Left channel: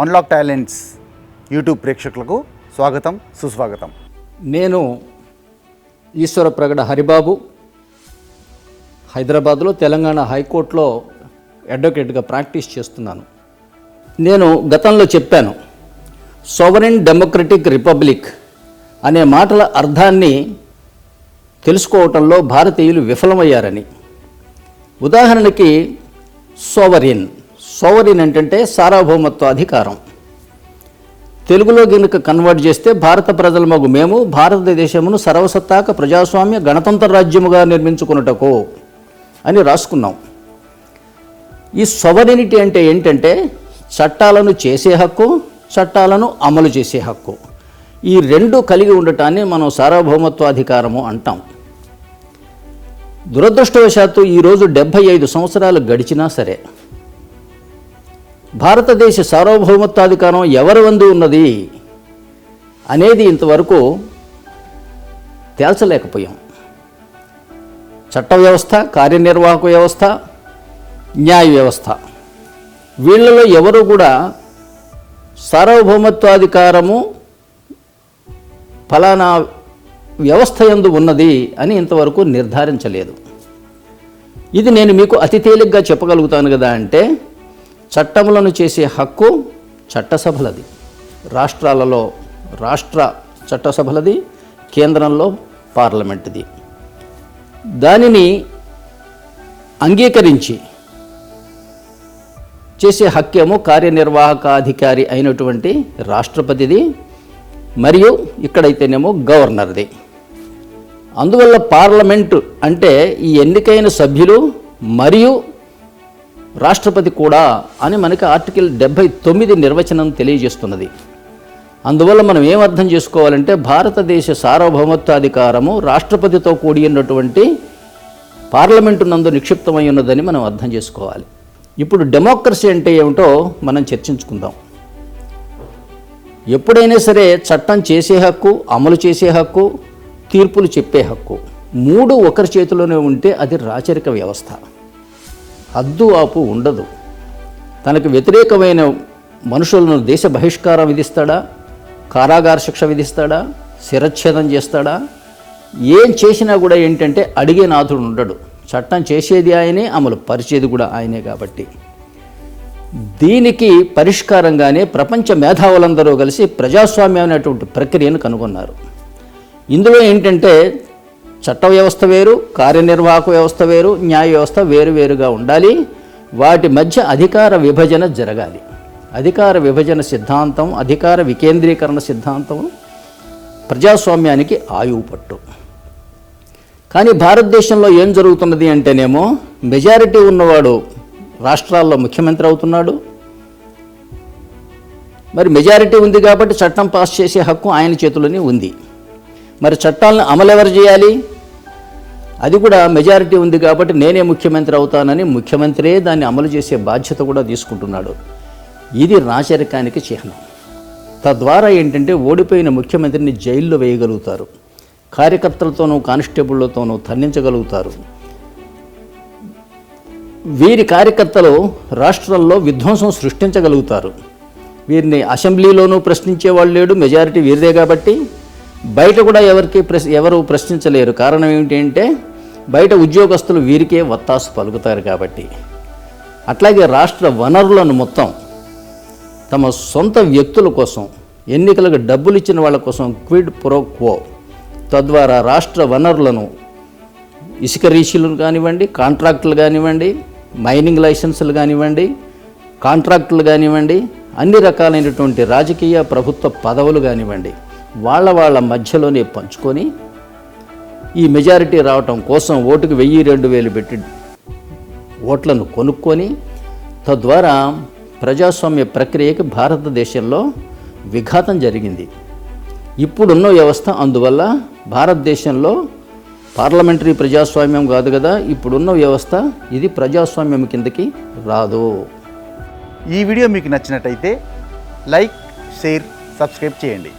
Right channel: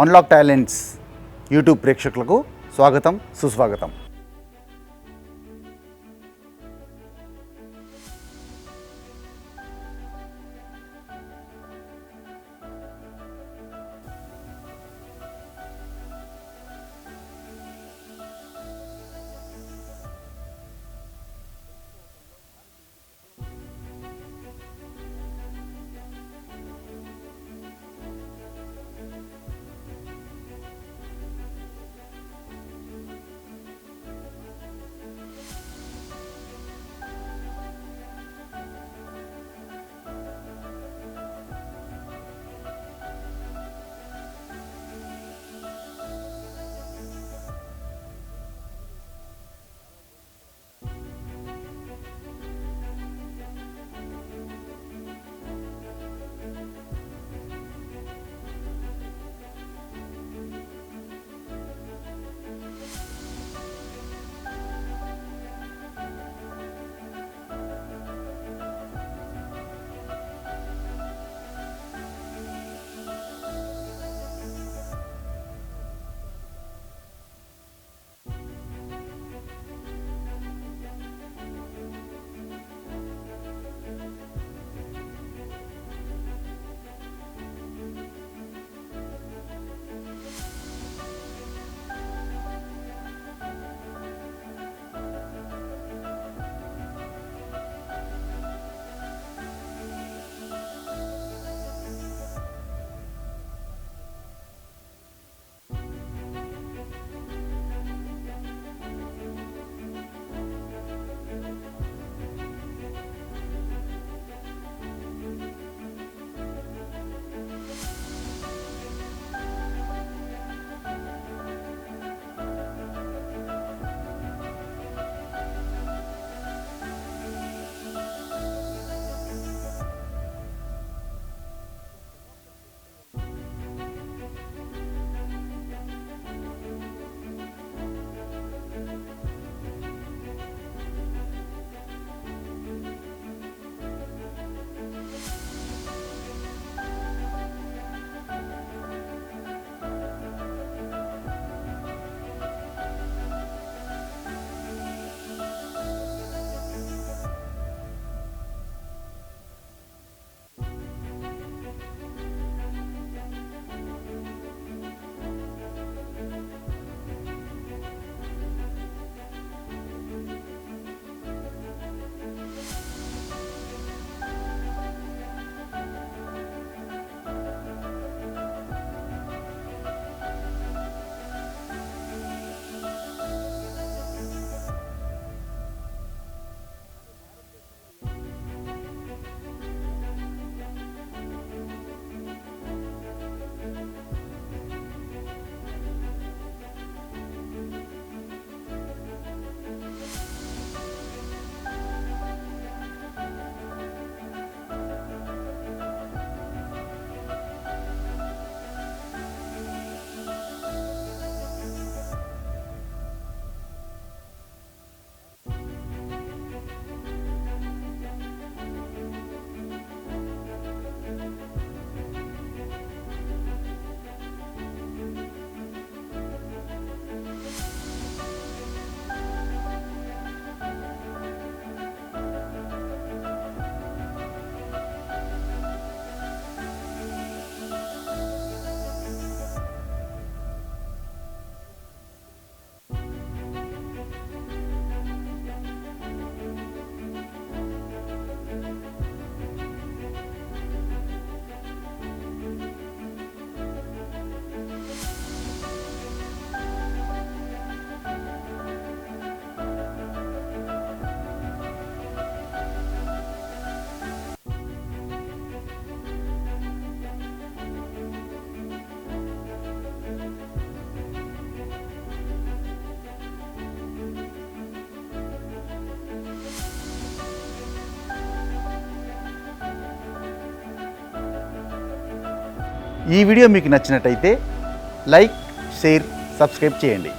Unlock talents YouTube ప్రేక్షకులకు స్వాగతం, సుస్వాగతం. నేను ఈశ్వర ప్రగడ హరిబాబు, హైదరాబాద్లో తెలంగాణ హైకోర్టులో అడ్వకేట్గా ప్రాక్టీస్ చేస్తున్నాను. నేను గతంలో చెప్పాను, సోవరెన్ డెమోక్రటిక్ రిపబ్లిక్ అనే మాటల అర్థాన్ని తెలుసుకోవటంలో భారతీయులు విఫలమయ్యారని. ఉదాహరణకి సోవరిన్ అంటే సార్వభౌమత్వ అధికారం. తెలుగులో గనుక కన్వర్ట్ చేస్తే భారత ప్రజలమగు మేము భారతదేశమును సర్వసత్తాక ప్రజాస్వామ్య గణతంత్ర రాజ్యముగా నిర్మించుకున్నటకు అని రాసుకున్నాం. ఈ సోవరెనిటీ అంటే ఏంటంటే చట్టాలను చేసే హక్కు, చట్టాలను అమలు చేసే హక్కు. ఈ రెండు కలిగి ఉండటాన్ని మనం సార్వభౌమత్వాధికారము అంటాం. దురదృష్టవశాత్తు ఈరోజు 75 సంవత్సరాలు గడిచినా సరే భారతదేశ సార్వభౌమత్వాధికారం ఎవరి వందు ఉన్నది అనేది ఇంతవరకు తేల్చలేకపోయాం. చట్ట వ్యవస్థ, కార్యనిర్వాహక వ్యవస్థ, న్యాయ వ్యవస్థ, వీళ్ళలో ఎవరు కూడా సార్వభౌమత్వాధికారము ఫలానా వ్యవస్థ యందు ఉన్నది అని ఇంతవరకు నిర్ధారించలేదు. ఇది నేను మీకు అతి తేలిగ్గా చెప్పగలుగుతాను కదా అంటే, చట్టములను చేసే హక్కు చట్టసభలది, రాష్ట్రాలలో రాష్ట్ర చట్టసభలది, కేంద్రంలో పార్లమెంటుది. దానిని అంగీకరించి చేసే హక్కేమో కార్యనిర్వాహకాధికారి అయినటువంటి రాష్ట్రపతిది, మరియు ఇక్కడైతేనేమో గవర్నర్ది. అందువల్ల పార్లమెంటు అంటే ఈ ఎన్నికైన సభ్యులు మరియు రాష్ట్రపతి కూడా అని మనకి ఆర్టికల్ 79 నిర్వచనం తెలియజేస్తున్నది. అందువల్ల మనం ఏం అర్థం చేసుకోవాలంటే, భారతదేశ సార్వభౌమత్వాధికారము రాష్ట్రపతితో కూడి ఉన్నటువంటి పార్లమెంటు నందు నిక్షిప్తమై ఉన్నదని మనం అర్థం చేసుకోవాలి. ఇప్పుడు డెమోక్రసీ అంటే ఏమిటో మనం చర్చించుకుందాం. ఎప్పుడైనా సరే చట్టం చేసే హక్కు, అమలు చేసే హక్కు, తీర్పులు చెప్పే హక్కు, మూడు ఒకరి చేతిలోనే ఉంటే అది రాచరిక వ్యవస్థ. హద్దు ఆపు ఉండదు. తనకు వ్యతిరేకమైన మనుషులను దేశ బహిష్కారం విధిస్తాడా, కారాగార శిక్ష విధిస్తాడా, శిరచ్ఛేదం చేస్తాడా, ఏం చేసినా కూడా ఏంటంటే అడిగే నాథుడు ఉండడు. చట్టం చేసేది ఆయనే, అమలు పరిచేది కూడా ఆయనే. కాబట్టి దీనికి పరిష్కారంగానే ప్రపంచ మేధావులందరూ కలిసి ప్రజాస్వామ్యం అనేటువంటి ప్రక్రియను కనుగొన్నారు. ఇందులో ఏంటంటే చట్ట వ్యవస్థ వేరు, కార్యనిర్వాహక వ్యవస్థ వేరు, న్యాయ వ్యవస్థ వేరువేరుగా ఉండాలి. వాటి మధ్య అధికార విభజన జరగాలి. అధికార విభజన సిద్ధాంతం, అధికార వికేంద్రీకరణ సిద్ధాంతం ప్రజాస్వామ్యానికి ఆయువు పట్టు. కానీ భారతదేశంలో ఏం జరుగుతున్నది అంటేనేమో, మెజారిటీ ఉన్నవాడు రాష్ట్రాల్లో ముఖ్యమంత్రి అవుతున్నాడు. మరి మెజారిటీ ఉంది కాబట్టి చట్టం పాస్ చేసే హక్కు ఆయన చేతిలోనే ఉంది. మరి చట్టాలను అమలు ఎవరు చేయాలి? అది కూడా మెజారిటీ ఉంది కాబట్టి నేనే ముఖ్యమంత్రి అవుతానని ముఖ్యమంత్రే దాన్ని అమలు చేసే బాధ్యత కూడా తీసుకుంటున్నాడు. ఇది రాచరికానికి చిహ్నం. తద్వారా ఏంటంటే ఓడిపోయిన ముఖ్యమంత్రిని జైల్లో వేయగలుగుతారు, కార్యకర్తలతోనూ కానిస్టేబుళ్లతోనూ తన్నించగలుగుతారు. వీరి కార్యకర్తలు రాష్ట్రంలో విధ్వంసం సృష్టించగలుగుతారు. వీరిని అసెంబ్లీలోనూ ప్రశ్నించే వాళ్ళు లేడు, మెజారిటీ వీరిదే కాబట్టి. బయట కూడా ఎవరు ప్రశ్నించలేరు. కారణం ఏమిటంటే బయట ఉద్యోగస్తులు వీరికే వత్తాసు పలుకుతారు కాబట్టి. అట్లాగే రాష్ట్ర వనరులను మొత్తం తమ సొంత వ్యక్తుల కోసం, ఎన్నికలకు డబ్బులు ఇచ్చిన వాళ్ళ కోసం క్విడ్ ప్రో క్వో, తద్వారా రాష్ట్ర వనరులను ఇసుక రీచులు కానివ్వండి, కాంట్రాక్టులు కానివ్వండి, మైనింగ్ లైసెన్సులు కానివ్వండి, కాంట్రాక్టులు కానివ్వండి, అన్ని రకాలైనటువంటి రాజకీయ ప్రభుత్వ పదవులు కానివ్వండి, వాళ్ళ మధ్యలోనే పంచుకొని ఈ మెజారిటీ రావటం కోసం ఓటుకు 1000-2000 పెట్టి ఓట్లను కొనుక్కొని, తద్వారా ప్రజాస్వామ్య ప్రక్రియకి భారతదేశంలో విఘాతం జరిగింది. ఇప్పుడున్న వ్యవస్థ అందువల్ల భారతదేశంలో పార్లమెంటరీ ప్రజాస్వామ్యం కాదు కదా, ఇప్పుడున్న వ్యవస్థ ఇది ప్రజాస్వామ్యం కిందకి రాదు. ఈ వీడియో మీకు నచ్చినట్టయితే లైక్, షేర్, సబ్స్క్రైబ్ చేయండి.